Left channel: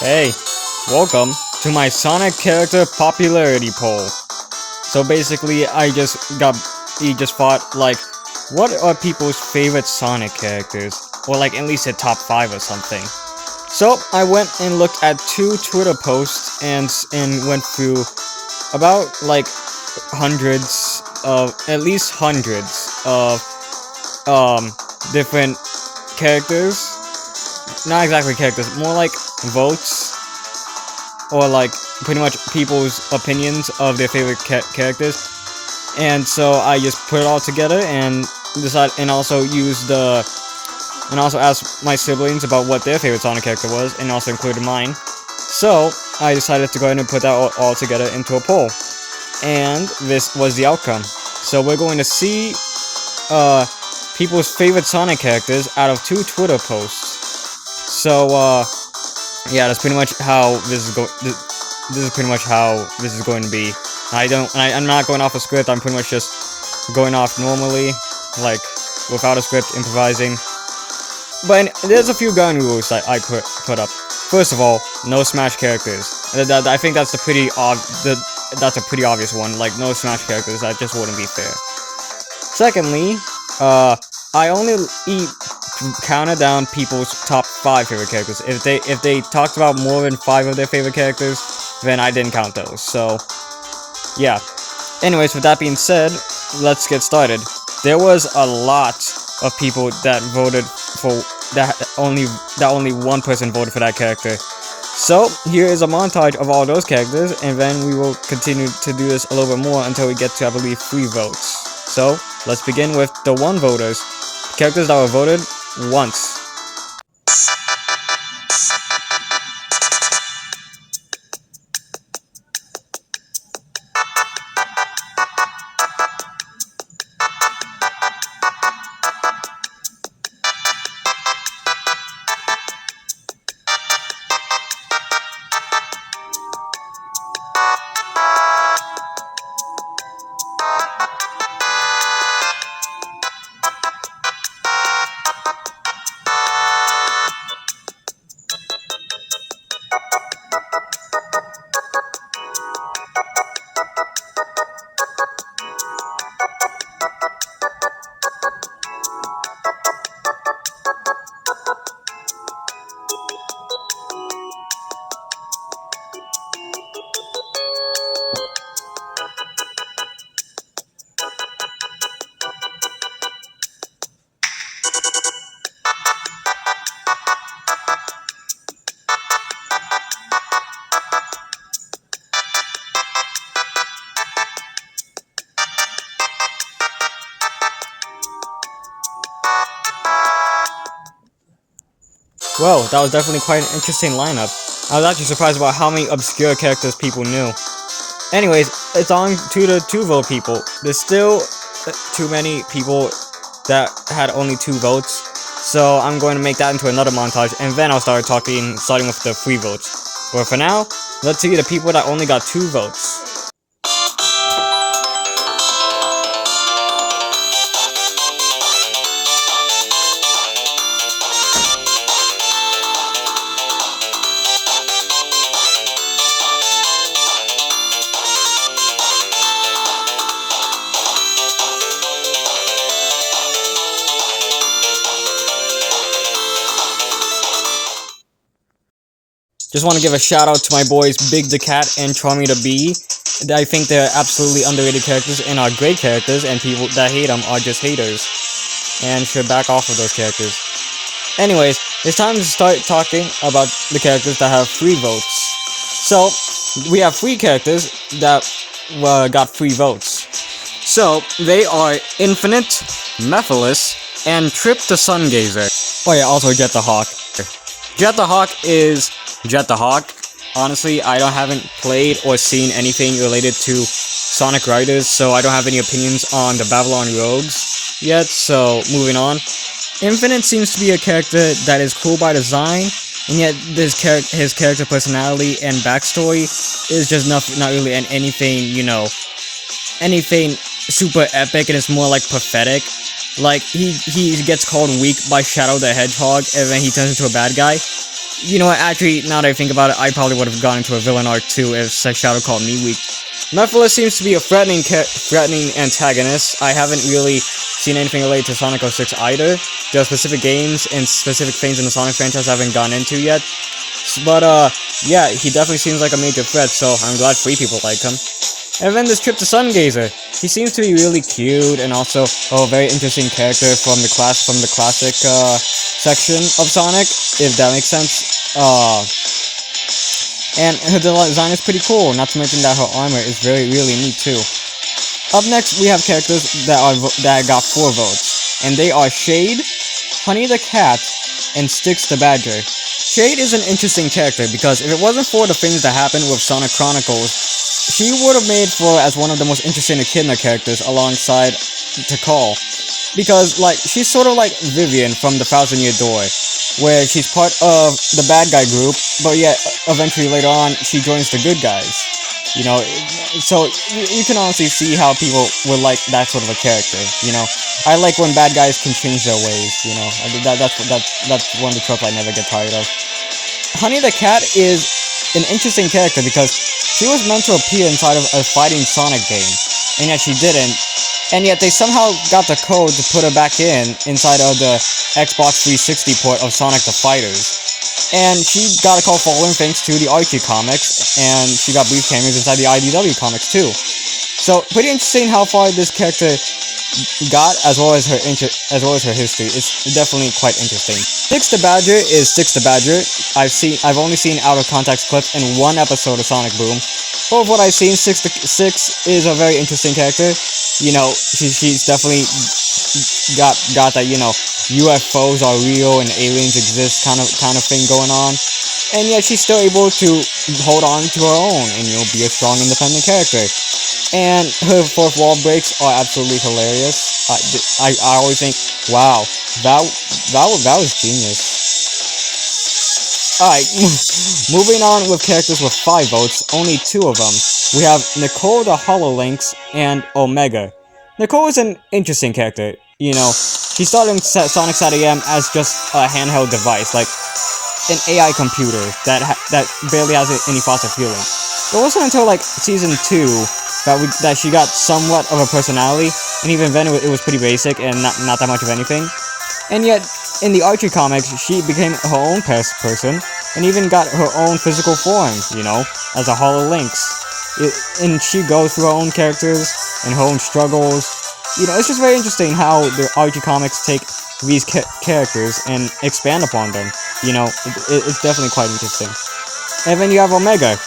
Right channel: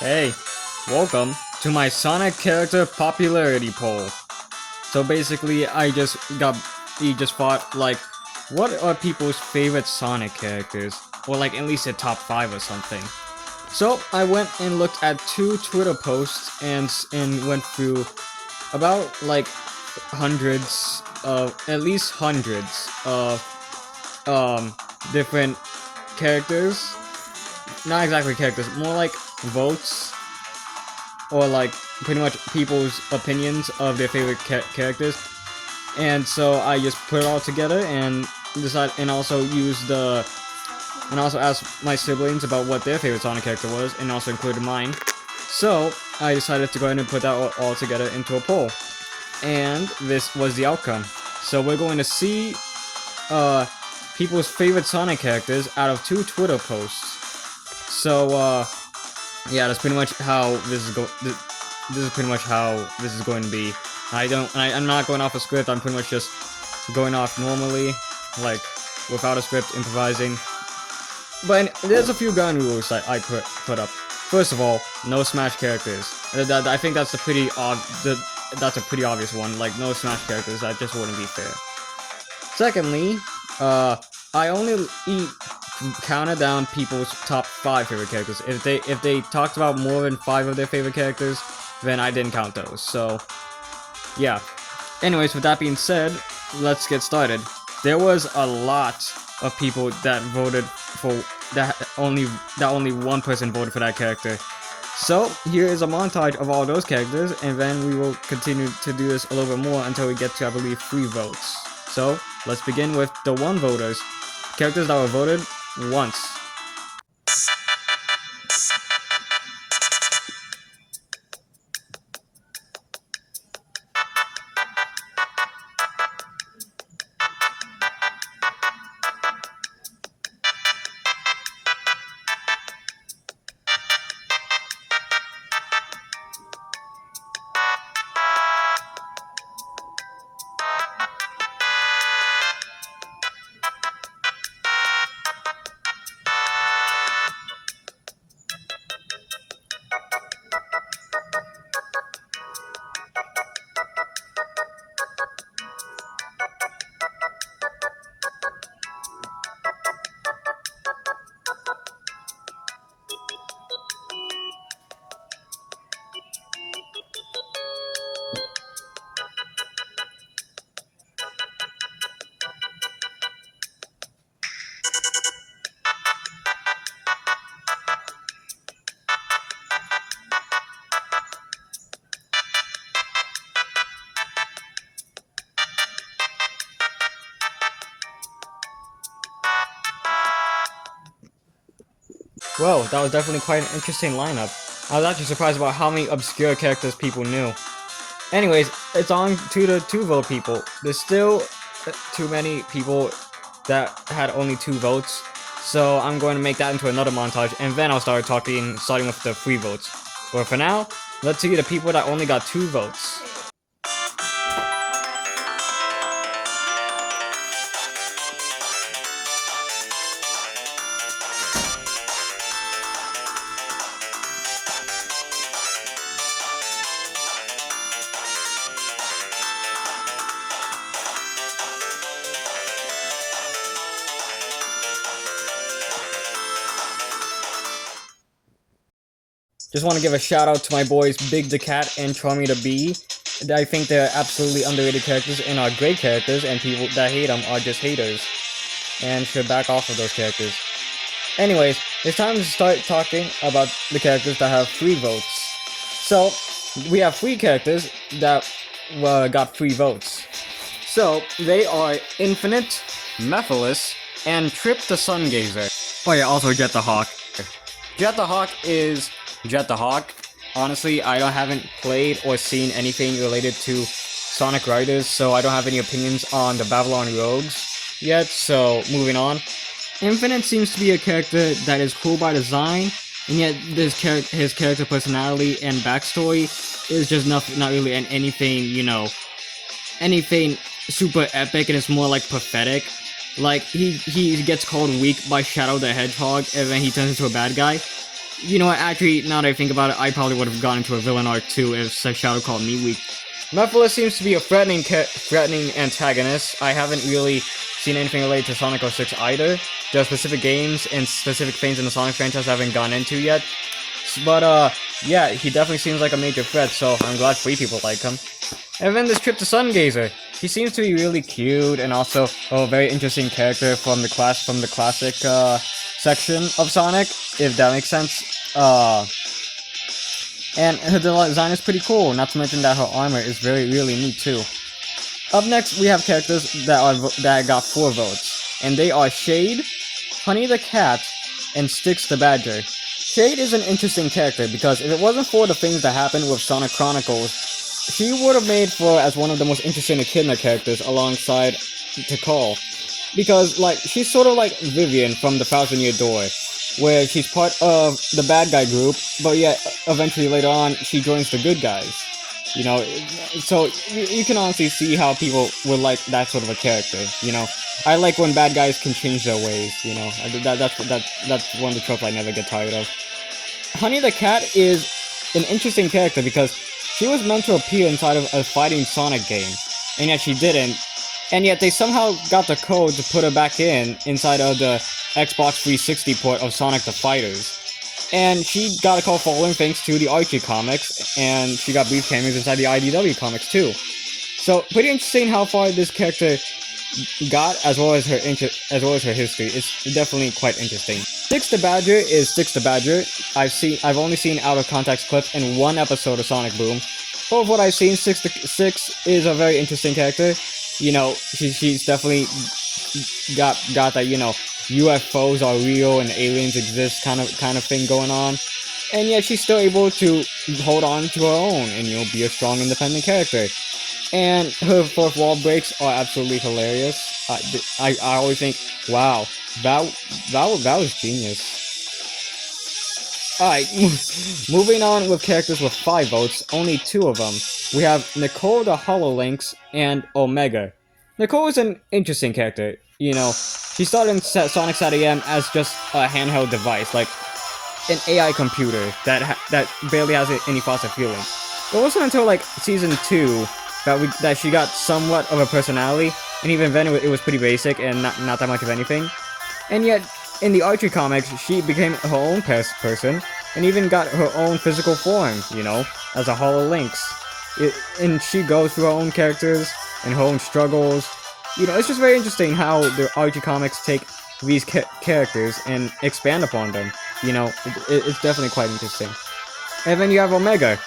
Hey, welcome to my Sonic character popularity poll. So basically, he just thought, like, what are people's favorite Sonic characters? Or like, at least a top 5 or something. So, I went and looked at 2 Twitter posts and went through about, like, at least hundreds of, different characters. Not exactly characters, more like votes or like pretty much people's opinions of their favorite characters. And so I just put it all together and also asked my siblings about what their favorite Sonic character was, and also included mine. So I decided to go ahead and put that all together into a poll, and this was the outcome. So we're going to see people's favorite Sonic characters out of 2 Twitter posts. So yeah, that's pretty much how this is pretty much how this is going to be. I'm not going off a script. I'm pretty much just going off normally, like without a script, improvising. But there's a few ground rules that I put up. First of all, no Smash characters. I think that's a pretty obvious one. Like, no Smash characters. That just wouldn't be fair. Secondly, I only counted down people's top 5 favorite characters. If they talked about more than 5 of their favorite characters, then I didn't count those. So yeah. Anyways, with that being said, let's get started. There was a lot of people that voted for only one person voted for that character. So here is a montage of all those characters, and then we will continue to do this a little bit more until we get to, I believe, 3 votes. So let's begin with the 1 voters. Characters that were voted once. Well, that was definitely quite an interesting lineup. I was actually surprised about how many obscure characters people knew. Anyways, it's on to the 2 vote people. There's still too many people that had only 2 votes, so I'm going to make that into another montage, and then I'll starting with the 3 votes. But for now, let's see the people that only got 2 votes. Just want to give a shout out to my boys Big the Cat and Charmy the Bee. I think they're absolutely underrated characters and are great characters, and people that hate them are just haters and should back off of those characters. Anyways, it's time to start talking about the characters that have 3 votes. So, we have 3 characters that got 3 votes. So, they are Infinite, Mephiles, and Trip the Sungazer. Oh yeah, also Jet the Hawk. Jet the Hawk is Jet the Hawk. Honestly, haven't played or seen anything related to Sonic Riders, so I don't have any opinions on the Babylon Rogues yet, so moving on. Infinite seems to be a character that is cool by design, and yet his character personality and backstory is just not really anything super epic, and it's more like pathetic. Like, he gets called weak by Shadow the Hedgehog, and then he turns into a bad guy. You know what, actually, now that I think about it, I probably would have gone into a villain arc too if said Shadow called me weak. Mephiles seems to be a threatening antagonist. I haven't really seen anything related to Sonic 06 either. There are specific games and specific things in the Sonic franchise I haven't gone into yet. But, yeah, he definitely seems like a major threat, so I'm glad 3 people like him. And then this Trip to Sungazer. He seems to be really cute and also a very interesting character from the classic, section of Sonic, if that makes sense. And her design is pretty cool, not to mention that her armor is really neat too. Up next, we have characters that got 4 votes, and they are Shade, Honey the Cat, and Styx the Badger. Shade is an interesting character because if it wasn't for the things that happened with Sonic Chronicles, she would have made for as one of the most interesting Echidna characters alongside Tikal. Because, like, she's sort of like Vivian from the Thousand Year Door, where she's part of the bad guy group, but yet eventually later on she joins the good guys. You know, so you can honestly see how people would like that sort of a character. You know, I like when bad guys can change their ways. You know, that's one of the tropes I never get tired of. Honey the Cat is an interesting character because she was meant to appear inside of a fighting Sonic game, and yet she didn't. And yet they somehow got the code to put her back inside of the Xbox 360 port of Sonic the Fighters. And she got a call following thanks to the Archie comics, and she got brief cameos inside the IDW comics too. So pretty interesting how far this character got, as well as her history. It's definitely quite interesting. Styx the Badger is Styx the Badger. I've only seen out of context clips in 1 episode of Sonic Boom. But with what I've seen, Styx is a very interesting character. You know, she's definitely got that, you know, UFOs are real and aliens exist kind of thing going on, and yet she's still able to hold on to her own and, you know, be a strong independent character. And her 4th wall breaks are absolutely hilarious. I always think, wow, that was genius. Alright, moving on with characters with 5 votes, only 2 of them. We have Nicole the HoloLynx and Omega. Nicole is an interesting character. You know, she started in Sonic SatAM as just a handheld device, like an AI computer that barely has any thoughts or feelings. It wasn't until like Season 2 that she got somewhat of a personality, and even then it was pretty basic and not that much of anything. And yet, in the Archie comics, she became her own person, and even got her own physical form, you know, as a HoloLynx. And she goes through her own characters and her own struggles. You know, it's just very interesting how the Archie comics take these characters and expand upon them. You know, it's definitely quite interesting. And then you have Omega.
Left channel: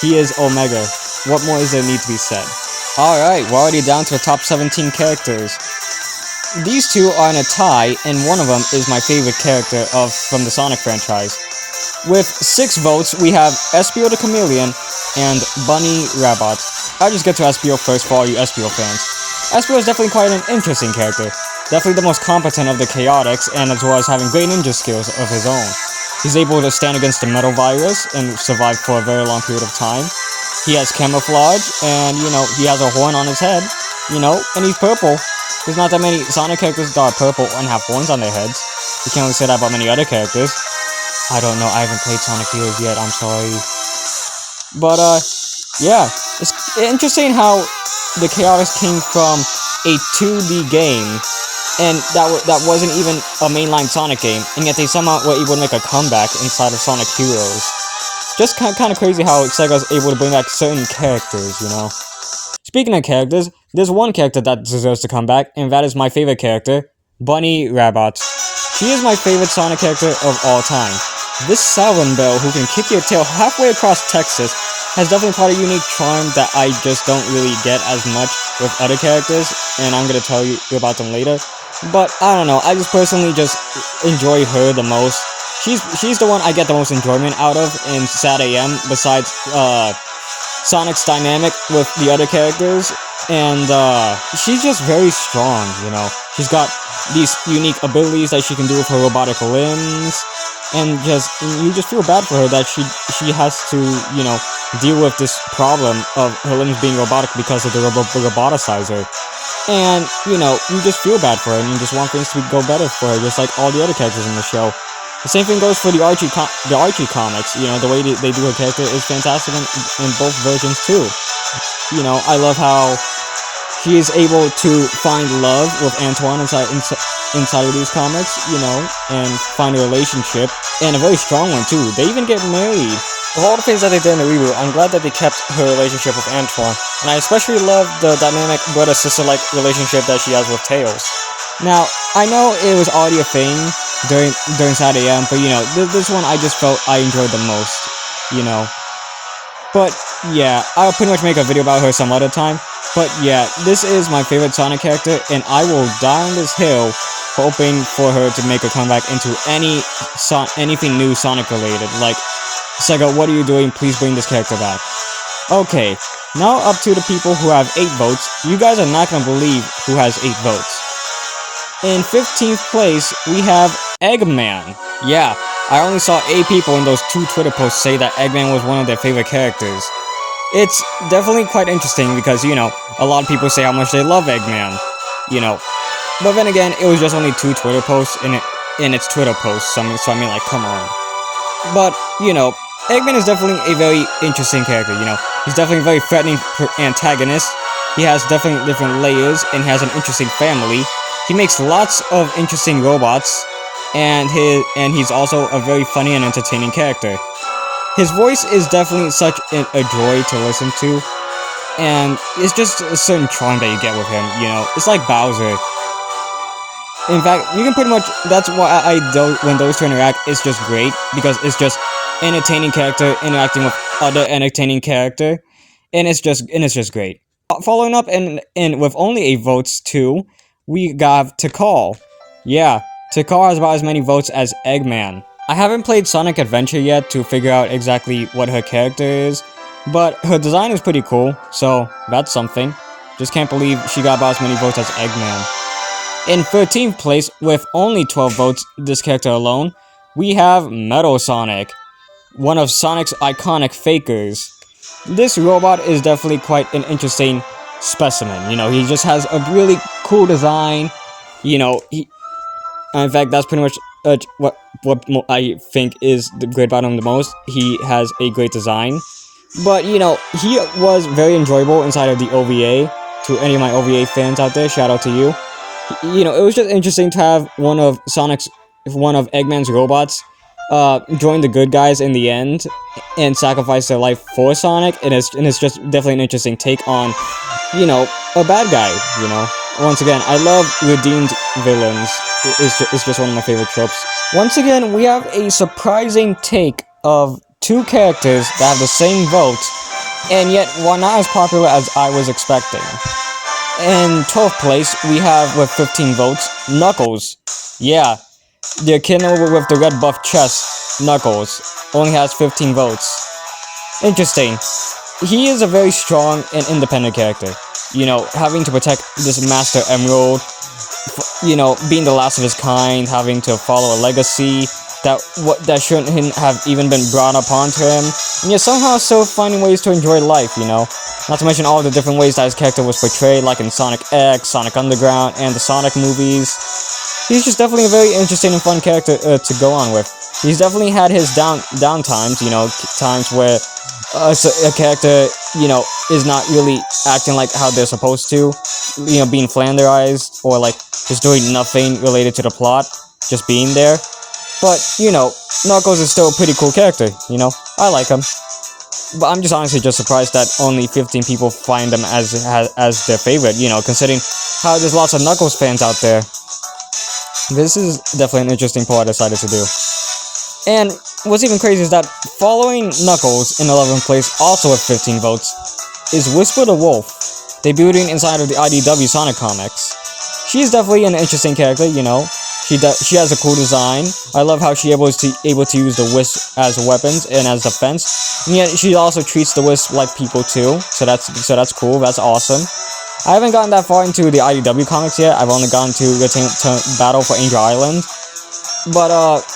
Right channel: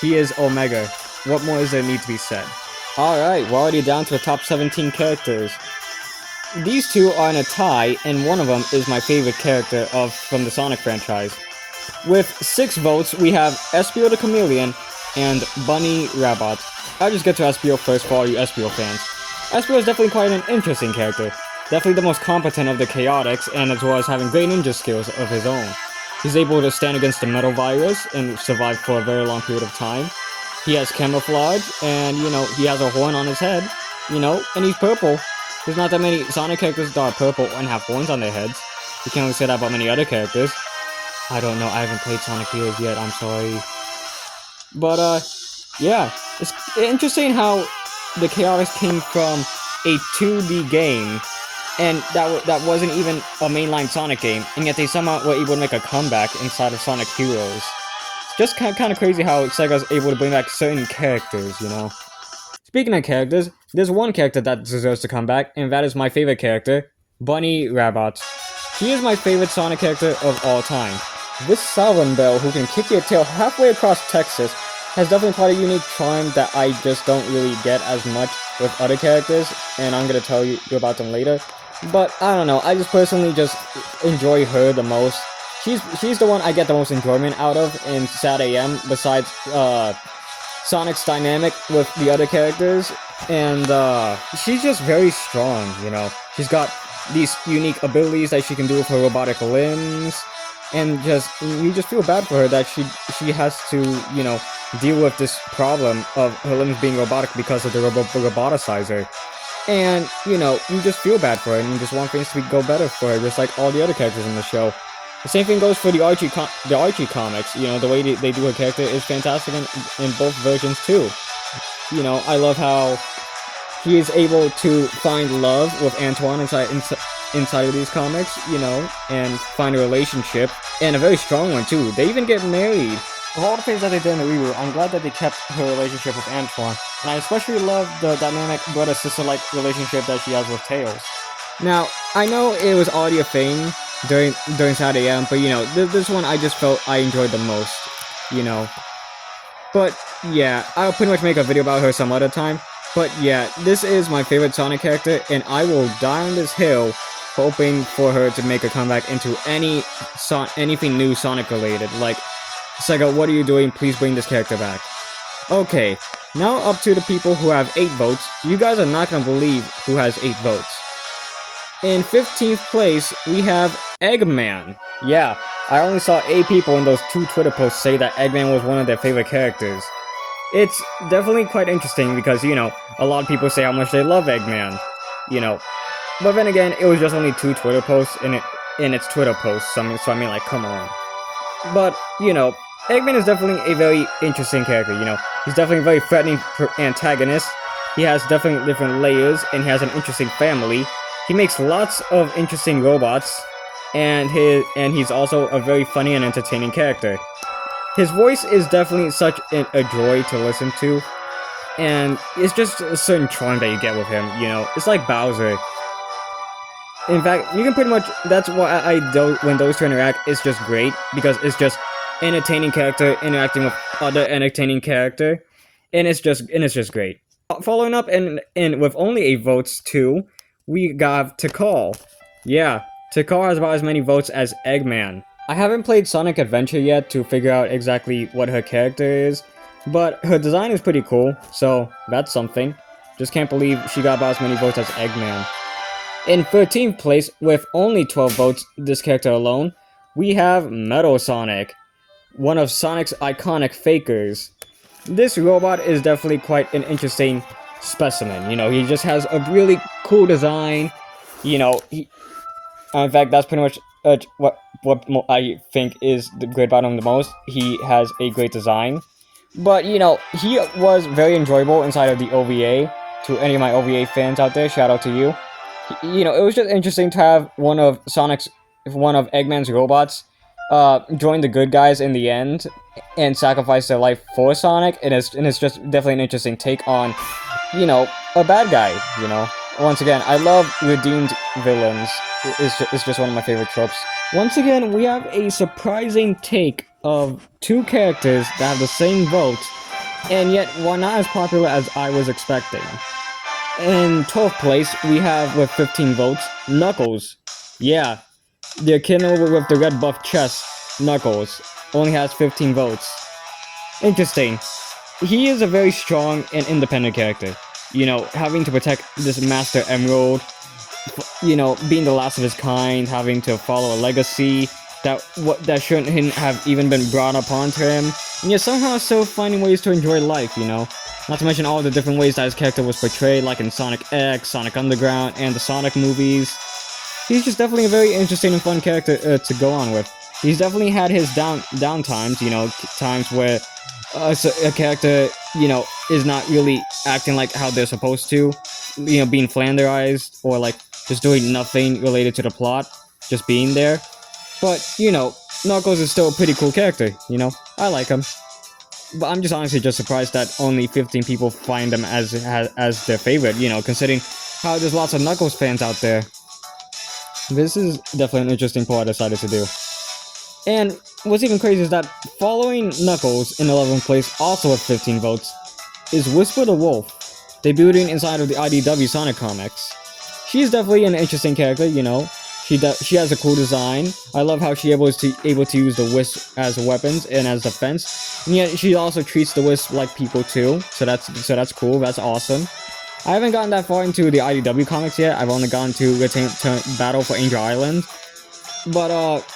He is Omega. What more is there need to be said? Alright, we're already down to the top 17 characters. These 2 are in a tie, and one of them is my favorite character from the Sonic franchise. With 6 votes, we have Espio the Chameleon and Bunny Rabbit. I'll just get to Espio first for all you Espio fans. Espio is definitely quite an interesting character. Definitely the most competent of the Chaotix, and as well as having great ninja skills of his own. He's able to stand against the Metal Virus and survive for a very long period of time. He has camouflage, and, you know, he has a horn on his head, you know, and he's purple. There's not that many Sonic characters that are purple and have horns on their heads. You can't really say that about many other characters. I don't know, I haven't played Sonic Heroes yet, I'm sorry. But, yeah, it's interesting how the Chaotix came from a 2D game, and that wasn't even a mainline Sonic game, and yet they somehow were able to make a comeback inside of Sonic Heroes. Just kind of crazy how Sega's able to bring back certain characters, you know? Speaking of characters, there's one character that deserves to come back, and that is my favorite character, Bunny Rabbit. She is my favorite Sonic character of all time. This Southern Belle who can kick your tail halfway across Texas has definitely quite a unique charm that I just don't really get as much with other characters, and I'm gonna tell you about them later. But I don't know, I just personally just enjoy her the most. She's the one I get the most enjoyment out of in SatAM, besides Sonic's dynamic with the other characters, and she's just very strong, you know. She's got these unique abilities that she can do with her robotic limbs, and you just feel bad for her that she has to, you know, deal with this problem of her limbs being robotic because of the roboticizer. And, you know, you just feel bad for her, and you just want things to go better for her, just like all the other characters in the show. The same thing goes for the Archie comics. You know, the way they do her character is fantastic in both versions too. You know, I love how he is able to find love with Antoine inside of these comics, you know, and find a relationship, and a very strong one too. They even get married. Of all the things that they did in the reboot, I'm glad that they kept her relationship with Antoine, and I especially love the dynamic brother-sister-like relationship that she has with Tails. Now, I know it was already a thing during Saturday AM, but you know, this one I just felt I enjoyed the most, you know. But yeah, I'll pretty much make a video about her some other time. But yeah, this is my favorite Sonic character, and I will die on this hill hoping for her to make a comeback into anything new Sonic related. Like, Sega, what are you doing? Please bring this character back. Okay, now up to the people who have 8 votes. You guys are not gonna believe who has 8 votes. In 15th place, we have Eggman. Yeah, I only saw 8 people in those 2 Twitter posts say that Eggman was one of their favorite characters. It's definitely quite interesting because, you know, a lot of people say how much they love Eggman, you know. But then again, it was just only 2 Twitter posts in its Twitter posts, so I mean, like, come on. But, you know, Eggman is definitely a very interesting character, you know. He's definitely a very threatening antagonist. He has definitely different layers, and he has an interesting family. He makes lots of interesting robots, and he's also a very funny and entertaining character. His voice is definitely such a joy to listen to, and it's just a certain charm that you get with him, you know. It's like Bowser. In fact, you can pretty much, that's why when those two interact, it's just great, because it's just entertaining character interacting with other entertaining character, and it's just great. Following up and with only 8 votes too, we got Tikal. Yeah, Tikal has about as many votes as Eggman. I haven't played Sonic Adventure yet to figure out exactly what her character is, but her design is pretty cool, so that's something. Just can't believe she got about as many votes as Eggman. In 13th place, with only 12 votes, this character alone, we have Metal Sonic, one of Sonic's iconic fakers. This robot is definitely quite an interesting specimen, you know, he just has a really cool design, you know, in fact, that's pretty much what I think is great about him the most. He has a great design, but you know, he was very enjoyable inside of the OVA. To any of my OVA fans out there, shout out to you. You know, it was just interesting to have one of Eggman's robots join the good guys in the end and sacrifice their life for Sonic, and it's just definitely an interesting take on, you know, a bad guy, you know. Once again, I love redeemed villains. It's just one of my favorite tropes. Once again, we have a surprising take of 2 characters that have the same vote, and yet were not as popular as I was expecting. In 12th place, we have, with 15 votes, Knuckles. Yeah, the kid with the red buff chest, Knuckles, only has 15 votes. Interesting. He is a very strong and independent character. You know, having to protect this Master Emerald, you know, being the last of his kind, having to follow a legacy that shouldn't have even been brought upon to him, and yet somehow still finding ways to enjoy life, you know. Not to mention all the different ways that his character was portrayed, like in Sonic X, Sonic Underground, and the Sonic movies. He's just definitely a very interesting and fun character to go on with. He's definitely had his down times, you know, times where a character, you know, is not really acting like how they're supposed to, you know, being flanderized, or like just doing nothing related to the plot, just being there. But, you know, Knuckles is still a pretty cool character, you know, I like him. But I'm just honestly just surprised that only 15 people find him as their favorite, you know, considering how there's lots of Knuckles fans out there. This is definitely an interesting poll I decided to do. And what's even crazy is that following Knuckles in 11th place, also with 15 votes, is Whisper the Wolf, debuting inside of the IDW Sonic comics. She's definitely an interesting character, you know. She has a cool design. I love how she's able to use the Wisp as weapons and as defense. And yet she also treats the Wisp like people too. So that's cool. That's awesome. I haven't gotten that far into the IDW comics yet. I've only gotten to Battle for Angel Island. But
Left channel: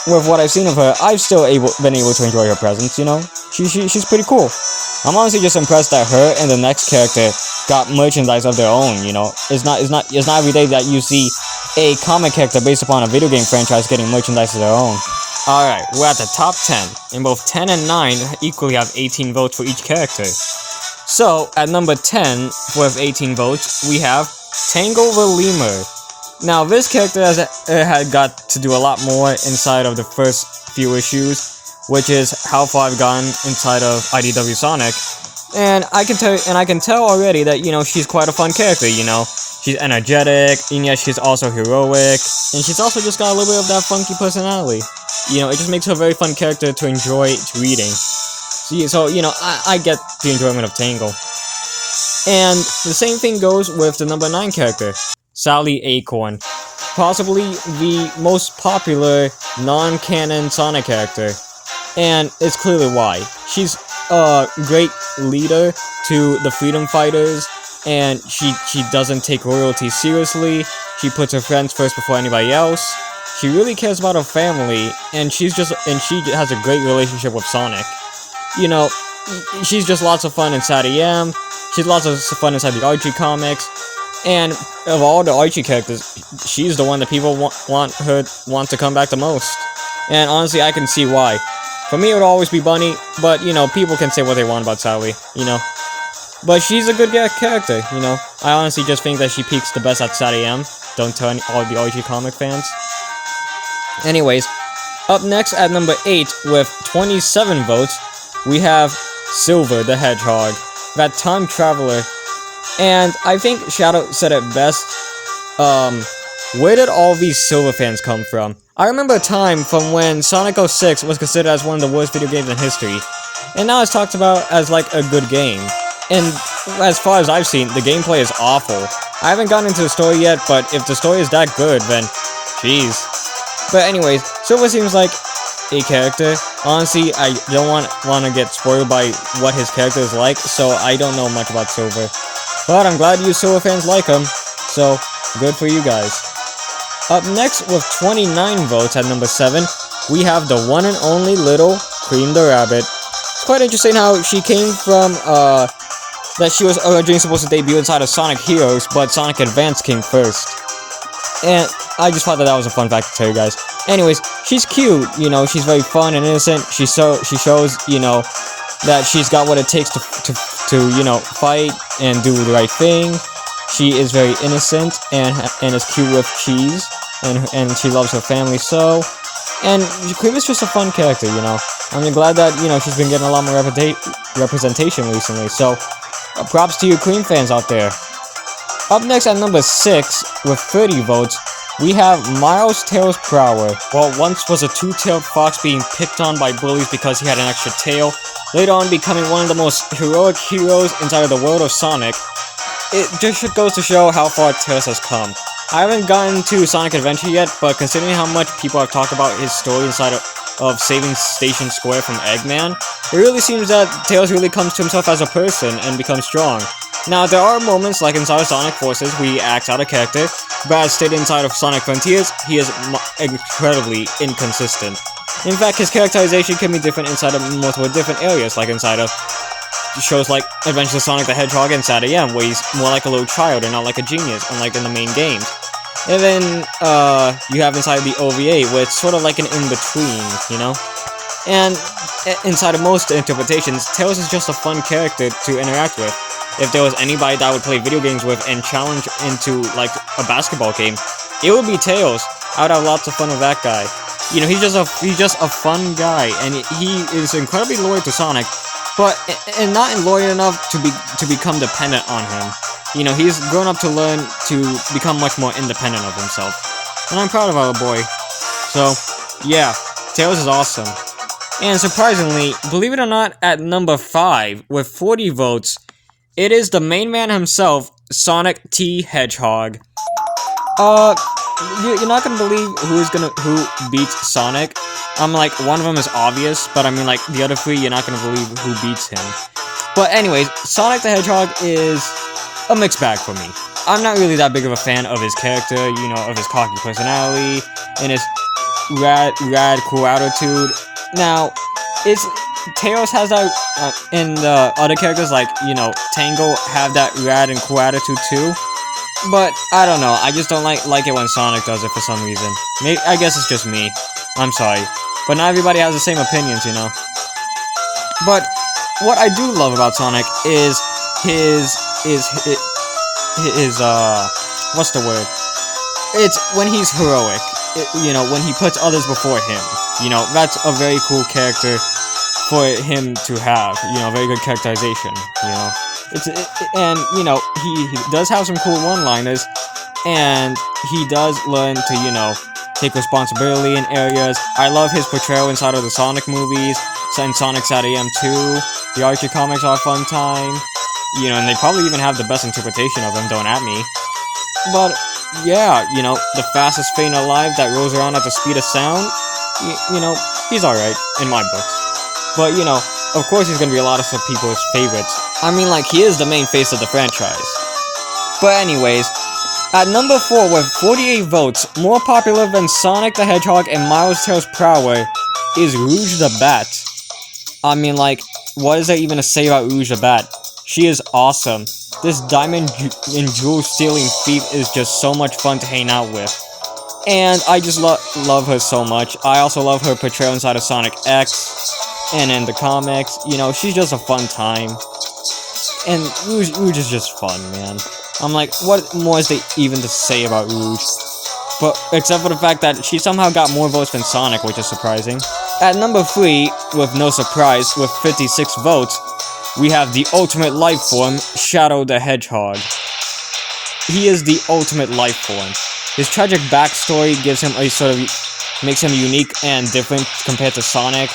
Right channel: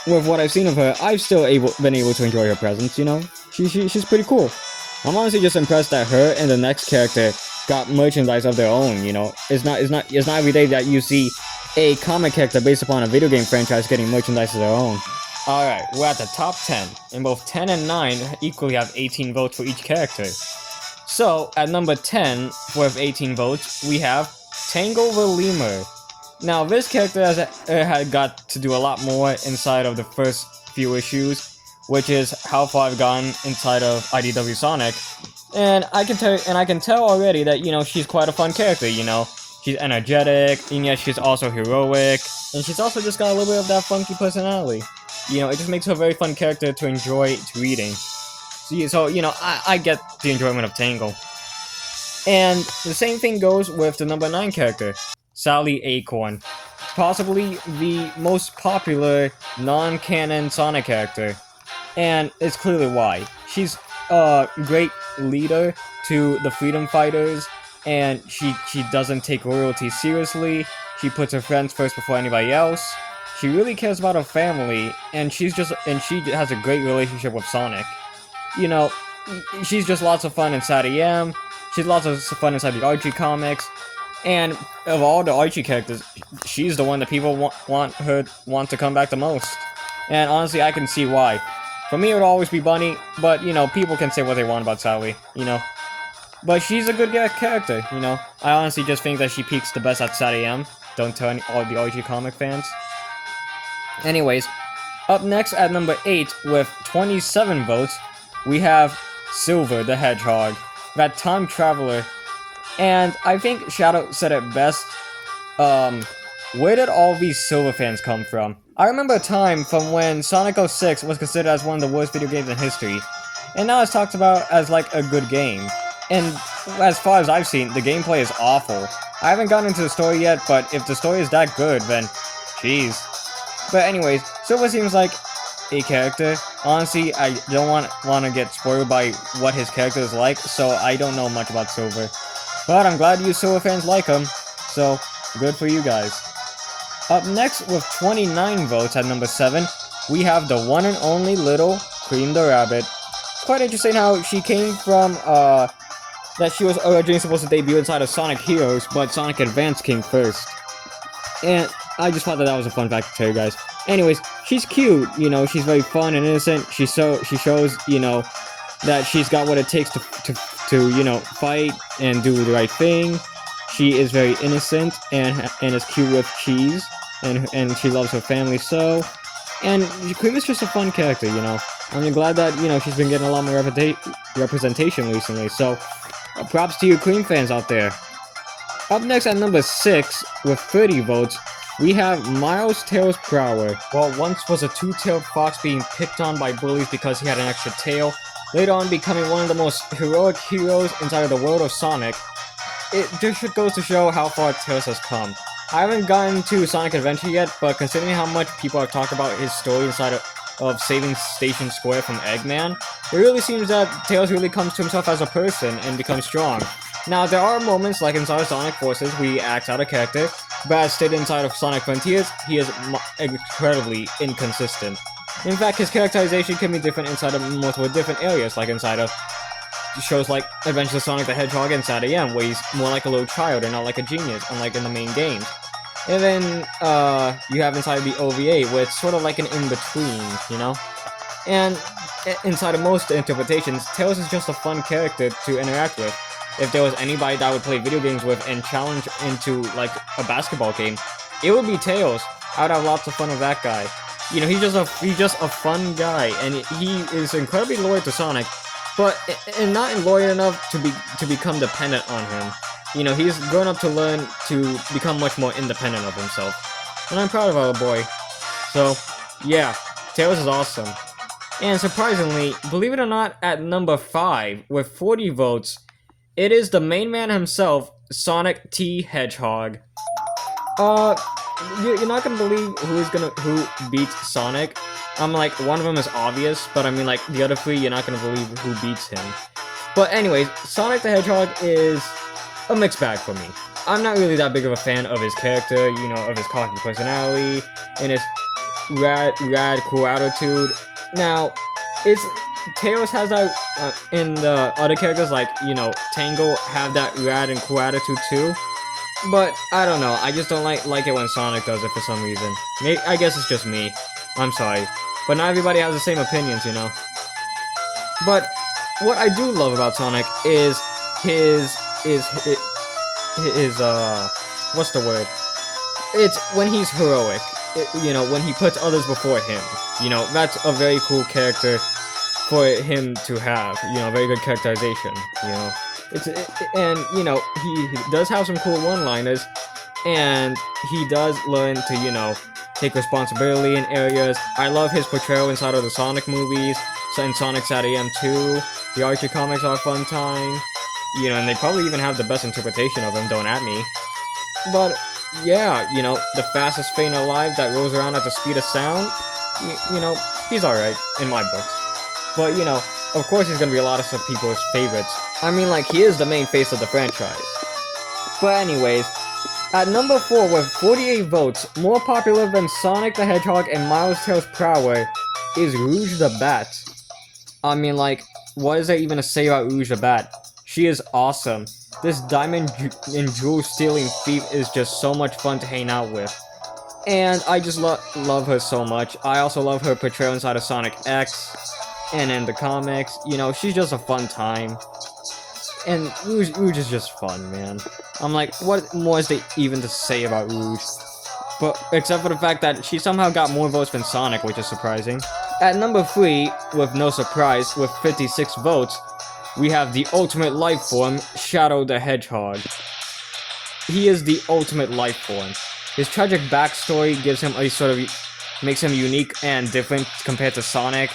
with what I've seen of her, I've still been able to enjoy her presence, you know? She's pretty cool. I'm honestly just impressed that her and the next character got merchandise of their own, you know? It's not every day that you see a comic character based upon a video game franchise getting merchandise of their own. Alright, we're at the top 10, and both 10 and 9 equally have 18 votes for each character. So, at number 10, with 18 votes, we have Tango the Lemur. Now, this character had got to do a lot more inside of the first few issues, which is how far I've gotten inside of IDW Sonic. And I can tell already that, you know, she's quite a fun character, you know. She's energetic, and yet she's also heroic, and she's also just got a little bit of that funky personality. You know, it just makes her a very fun character to enjoy reading. So, you know, I get the enjoyment of Tangle. And the same thing goes with the number 9 character, Sally Acorn. Possibly the most popular non-canon Sonic character. And it's clearly why. She's a great leader to the freedom fighters, and she doesn't take royalty seriously. She puts her friends first before anybody else. She really cares about her family, and she has a great relationship with Sonic. You know, she's just lots of fun inside AM. She's lots of fun inside the Archie comics. And of all the Archie characters, she's the one that people want to come back the most. And honestly, I can see why. For me, it would always be Bunny, but, you know, people can say what they want about Sally, you know. But she's a good character, you know. I honestly just think that she peaks the best at SatAM. Don't tell all the Archie comic fans. Anyways, up next at number 8 with 27 votes, we have Silver the Hedgehog, that time traveler. And I think Shadow said it best. Where did all these Silver fans come from? I remember a time from when Sonic 06 was considered as one of the worst video games in history, and now it's talked about as like a good game. And as far as I've seen, the gameplay is awful. I haven't gotten into the story yet, but if the story is that good, then jeez. But anyways, Silver seems like a character. Honestly, I don't want to get spoiled by what his character is like, so I don't know much about Silver. But I'm glad you Silver fans like him, so good for you guys. Up next with 29 votes at number 7, we have the one and only little Cream the Rabbit. It's quite interesting how she came from, that she was originally supposed to debut inside of Sonic Heroes, but Sonic Advance came first. And I just thought that was a fun fact to tell you guys. Anyways, she's cute, you know, she's very fun and innocent. She shows, you know, that she's got what it takes to you know, fight and do the right thing. She is very innocent and is cute with cheese, and she loves her family so. And Cream is just a fun character, you know. I'm glad that, you know, she's been getting a lot more representation recently, so props to you Cream fans out there. Up next at number 6, with 30 votes, we have Miles Tails Prower. Well, once was a two-tailed fox being picked on by bullies because he had an extra tail, later on becoming one of the most heroic heroes inside of the world of Sonic. It just goes to show how far Tails has come. I haven't gotten to Sonic Adventure yet, but considering how much people have talked about his story inside of saving Station Square from Eggman, it really seems that Tails really comes to himself as a person and becomes strong. Now, there are moments like inside of Sonic Forces where he acts out of character, but as stated inside of Sonic Frontiers, he is incredibly inconsistent. In fact, his characterization can be different inside of multiple different areas, like inside of shows like Adventures of Sonic the Hedgehog and SatAM, where he's more like a little child and not like a genius, unlike in the main games. And then, you have inside the OVA, where it's sort of like an in-between, you know? And inside of most interpretations, Tails is just a fun character to interact with. If there was anybody that I would play video games with and challenge into, like, a basketball game, it would be Tails. I would have lots of fun with that guy. You know, he's just a fun guy, and he is incredibly loyal to Sonic, but not loyal enough to become dependent on him. You know, he's grown up to learn to become much more independent of himself, and I'm proud of our boy. So, yeah, Tails is awesome. And surprisingly, believe it or not, at number 5 with 40 votes, it is the main man himself, Sonic T. Hedgehog. You're not gonna believe who beats Sonic. Like, one of them is obvious, but I mean, like, the other 3, you're not gonna believe who beats him. But anyways, Sonic the Hedgehog is a mixed bag for me. I'm not really that big of a fan of his character, you know, of his cocky personality, and his rad, cool attitude. Now, Tails has that, and the other characters like, you know, Tango have that rad and cool attitude too. But, I don't know, I just don't like it when Sonic does it for some reason. I guess it's just me. I'm sorry. but not everybody has the same opinions, you know. But what I do love about Sonic is his what's the word? It's when he's heroic. You know, when he puts others before him. You know, that's a very cool character for him to have. You know, very good characterization. You know, and you know he does have some cool one-liners, and he does learn to, you know, take responsibility in areas. I love his portrayal inside of the Sonic movies, and Sonic's at AM 2. The Archie comics are a fun time. You know, and they probably even have the best interpretation of him, don't at me. But yeah, you know, the fastest Fane alive that rolls around at the speed of sound, you know, he's alright, in my books. But, you know, of course he's gonna be a lot of some people's favorites. I mean, like, he is the main face of the franchise. But anyways, at number 4 with 48 votes, more popular than Sonic the Hedgehog and Miles Tails Prower, is Rouge the Bat. I mean, like, what is there even to say about Rouge the Bat? She is awesome. This diamond and jewel stealing thief is just so much fun to hang out with. And I just love her so much. I also love her portrayal inside of Sonic X and in the comics. You know, she's just a fun time. And Rouge is just fun, man. I'm like, what more is there even to say about Rouge? But except for the fact that she somehow got more votes than Sonic, which is surprising. At number 3, with no surprise, with 56 votes, we have the ultimate life form, Shadow the Hedgehog. He is the ultimate life form. His tragic backstory gives him a sort of makes him unique and different compared to Sonic.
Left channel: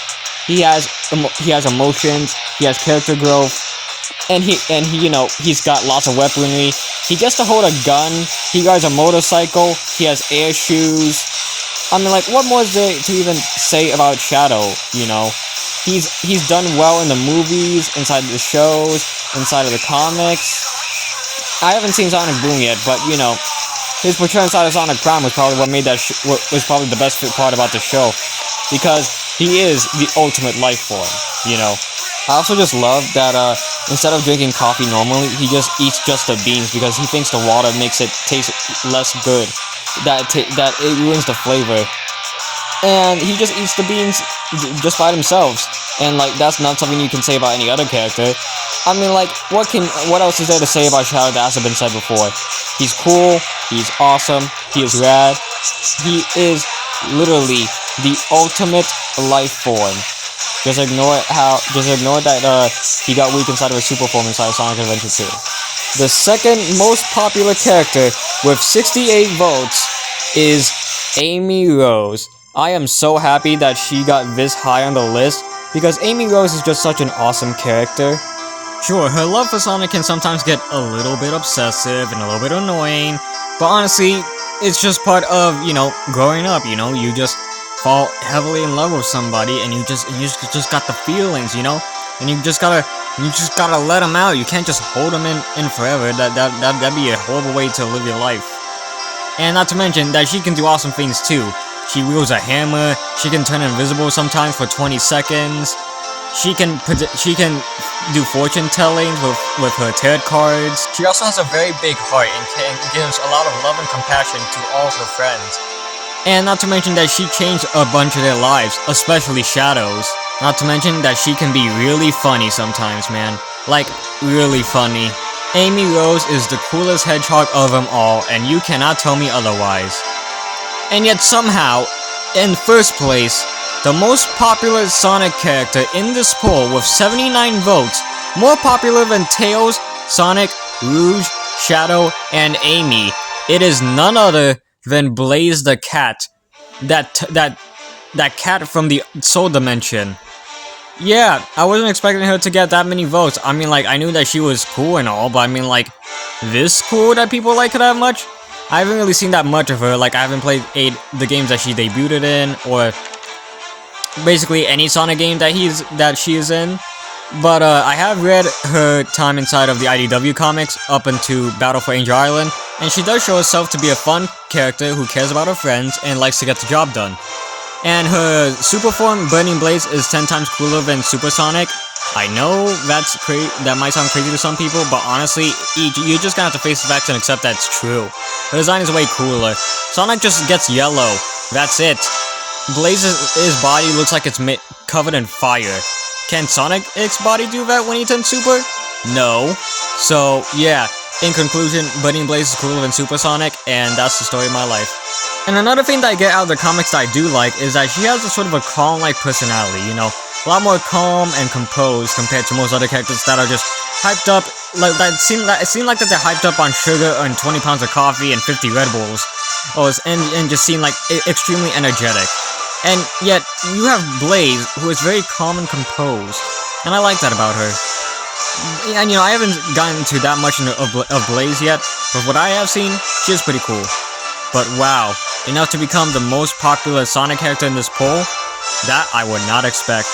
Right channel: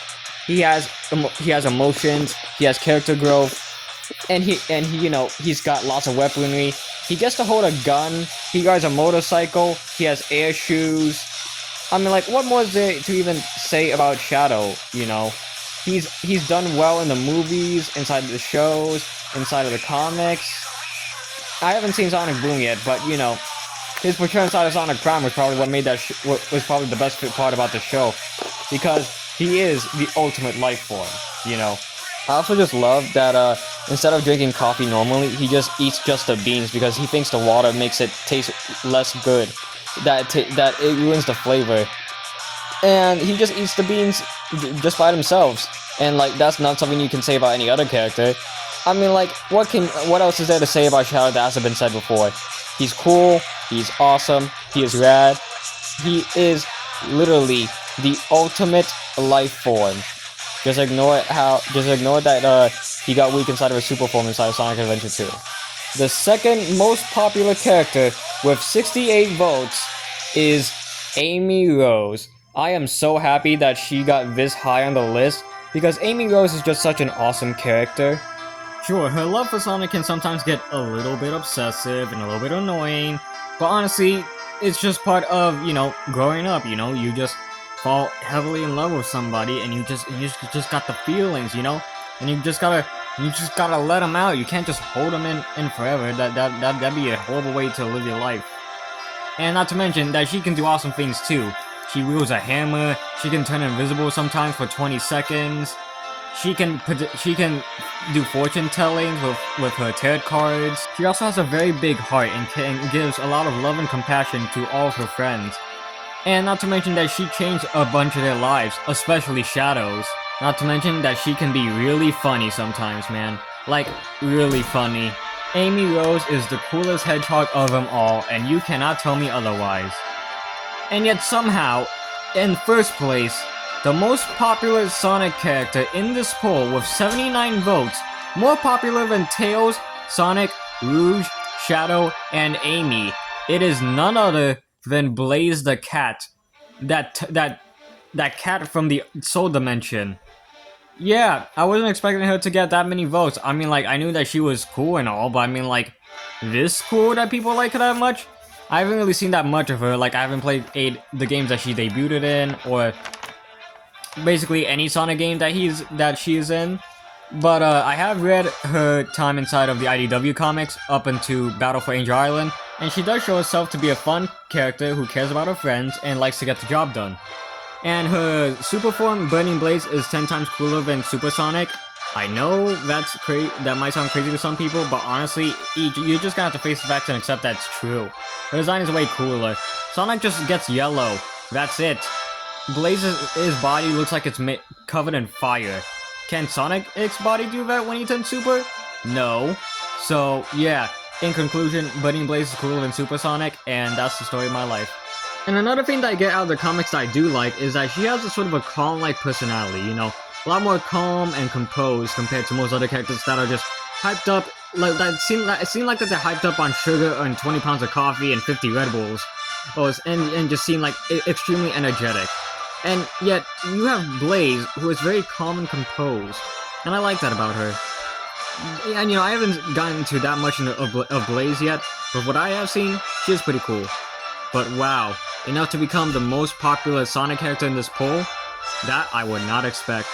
He has emotions, he has character growth, and he you know, he's got lots of weaponry. He gets to hold a gun. He rides a motorcycle. He has air shoes. I mean, like, what more is there to even say about Shadow? You know. He's done well in the movies, inside the shows, inside of the comics. I haven't seen Sonic Boom yet, but you know, his portrayal inside of Sonic Prime was probably what made that was probably the best part about the show, because he is the ultimate life form. You know, I also just love that instead of drinking coffee normally, he just eats just the beans because he thinks the water makes it taste less good. That it ruins the flavor. And he just eats the beans just by themselves. And, like, that's not something you can say about any other character. I mean, like, what else is there to say about Shadow that hasn't been said before? He's cool, he's awesome, he is rad. He is literally the ultimate life form. Just ignore that he got weak inside of a super form inside of Sonic Adventure 2. The second most popular character with 68 votes is Amy Rose. I am so happy that she got this high on the list, because Amy Rose is just such an awesome character. Sure, her love for Sonic can sometimes get a little bit obsessive and a little bit annoying, but honestly, it's just part of, you know, growing up, you know? You just fall heavily in love with somebody, and you just got the feelings, you know? And you just gotta let them out. You can't just hold them in forever. That'd be a horrible way to live your life. And not to mention that she can do awesome things too. She wields a hammer, she can turn invisible sometimes for 20 seconds, she can do fortune telling with her tarot cards. She also has a very big heart and gives a lot of love and compassion to all of her friends. And not to mention that she changed a bunch of their lives, especially Shadow's. Not to mention that she can be really funny sometimes, man. Like, really funny. Amy Rose is the coolest hedgehog of them all, and you cannot tell me otherwise. And yet somehow, in first place, the most popular Sonic character in this poll with 79 votes, more popular than Tails, Sonic, Rouge, Shadow, and Amy, it is none other than Blaze the Cat. That cat from the Soul Dimension. Yeah, I wasn't expecting her to get that many votes. I mean, like, I knew that she was cool and all, but I mean, like, this cool that people like her that much? I haven't really seen that much of her. Like, I haven't played the games that she debuted in, or basically any Sonic game that she is in. But I have read her time inside of the IDW comics up into Battle for Angel Island, and she does show herself to be a fun character who cares about her friends and likes to get the job done. And her super form, Burning Blaze, is 10 times cooler than Super Sonic. I know that might sound crazy to some people, but honestly, you're just gonna have to face the facts and accept that's true. Her design is way cooler. Sonic just gets yellow. That's it. Blaze's body looks like it's covered in fire. Can Sonic's body do that when he turns Super? No. So, yeah, in conclusion, Buddy and Blaze is cooler than Super Sonic, and that's the story of my life. And another thing that I get out of the comics that I do like is that she has a sort of a calm-like personality, you know? A lot more calm and composed compared to most other characters that are just hyped up, like it seemed like that they're hyped up on sugar and 20 pounds of coffee and 50 Red Bulls. And just seem like extremely energetic. And yet, you have Blaze, who is very calm and composed. And I like that about her. And, you know, I haven't gotten to that much of Blaze yet, but what I have seen, she is pretty cool. But wow, enough to become the most popular Sonic character in this poll? That I would not expect.